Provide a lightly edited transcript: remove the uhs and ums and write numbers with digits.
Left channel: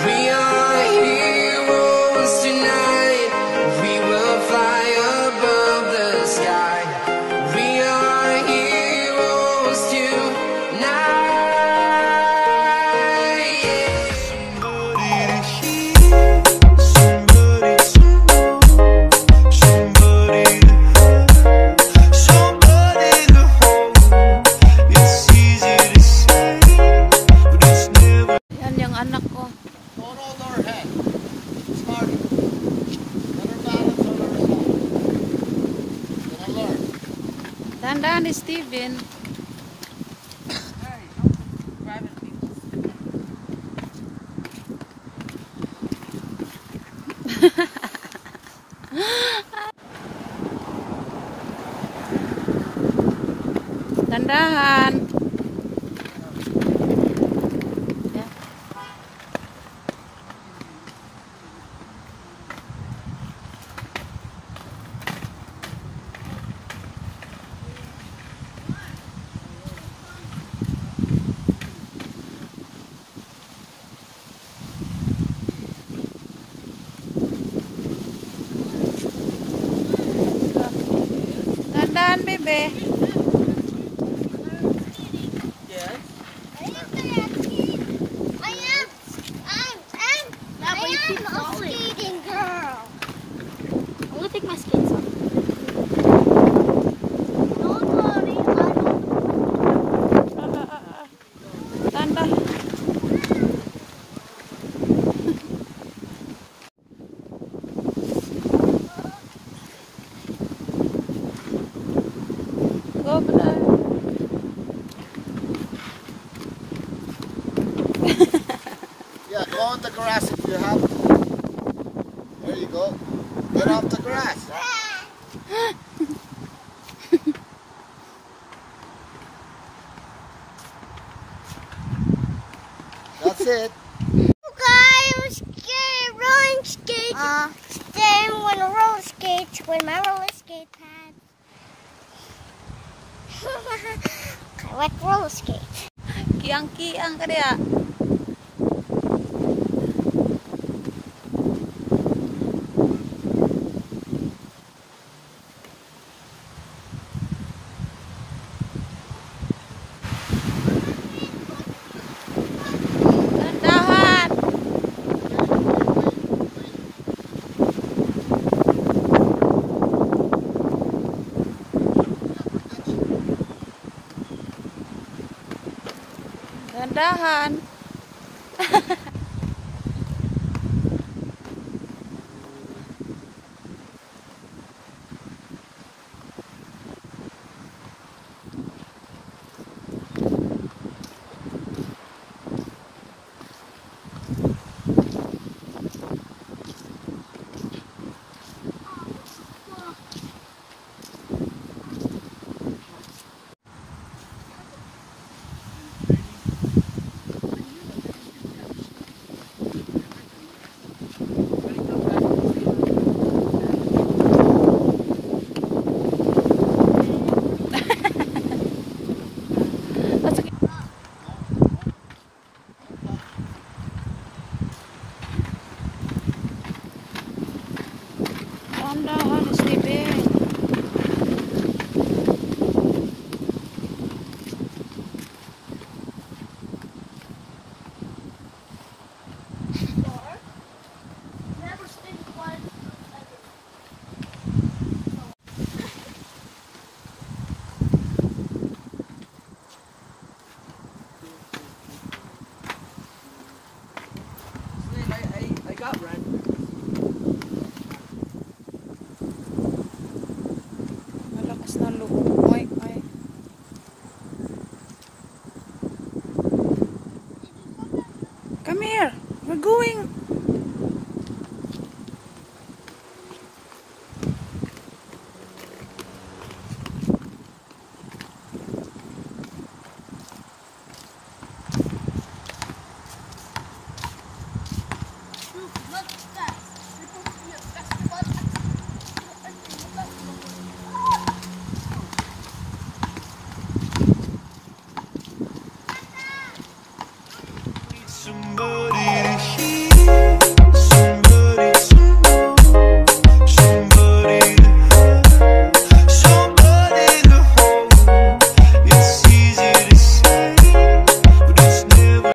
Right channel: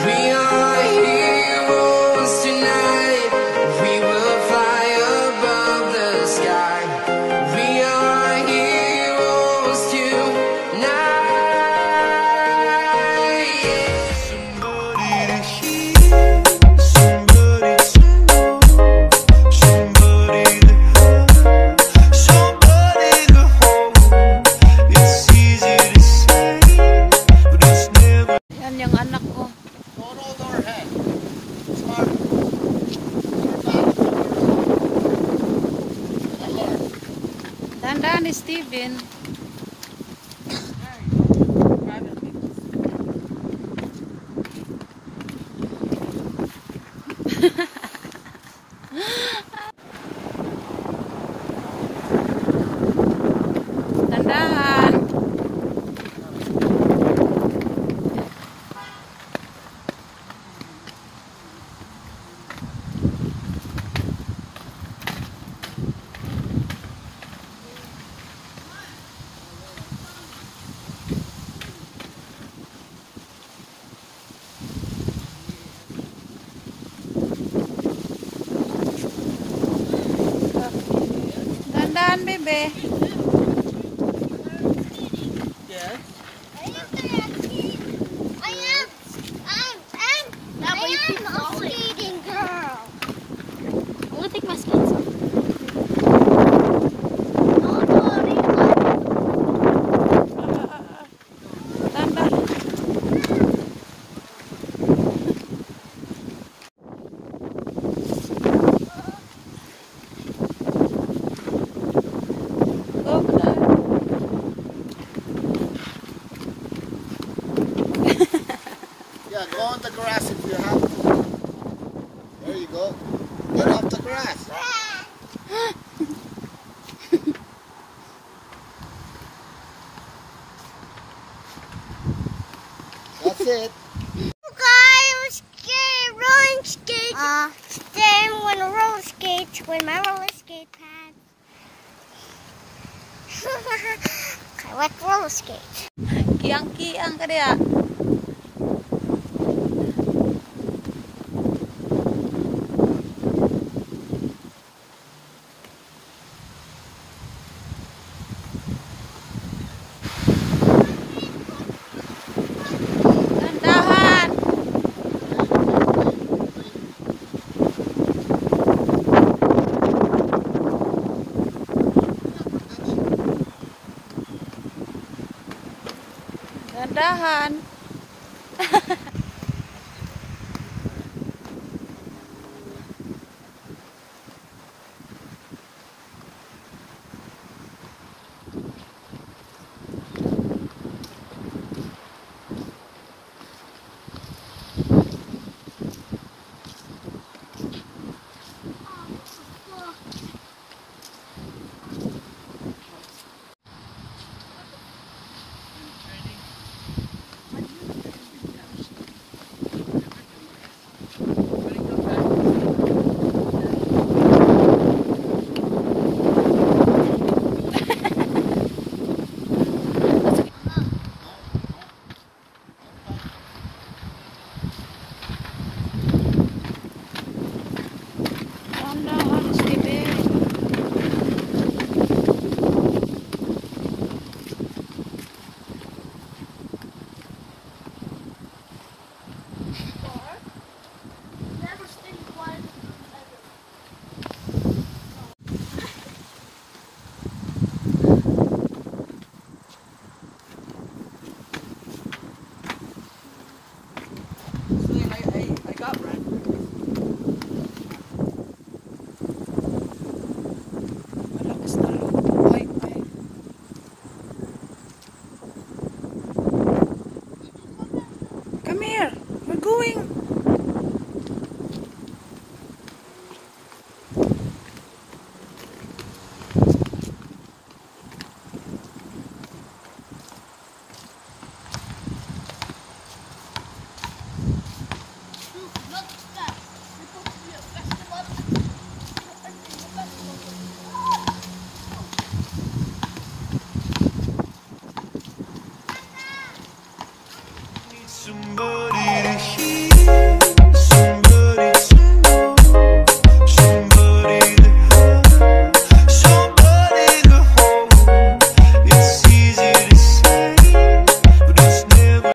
We are heroes tonight. We will fly above the sky. We are heroes tonight. Yeah. Somebody to hear, somebody to know, somebody to have, somebody to hold. It's easy to say, but it's never. Yan yung anak ko. Don't hold our head. It's hard. Dahan-dahan ni Steven. Dahan-dahan. Dahan-dahan, bebe. I'm a skating girl. I'm gonna take my skates off. Dahan-dahan. Go, Brad. Yeah, go on the grass if you have to. There you go. Get off the grass. That's it. I was scared rolling skates. Then when a roller skates, when my roller skate pad. I like roller skates. Kiang-kiang ka dia. Dahan-dahan. Dahan-dahan. Dahan-dahan, Steven. Malakas na loob. Ay, ay. Come here. We're going. Look, look, that.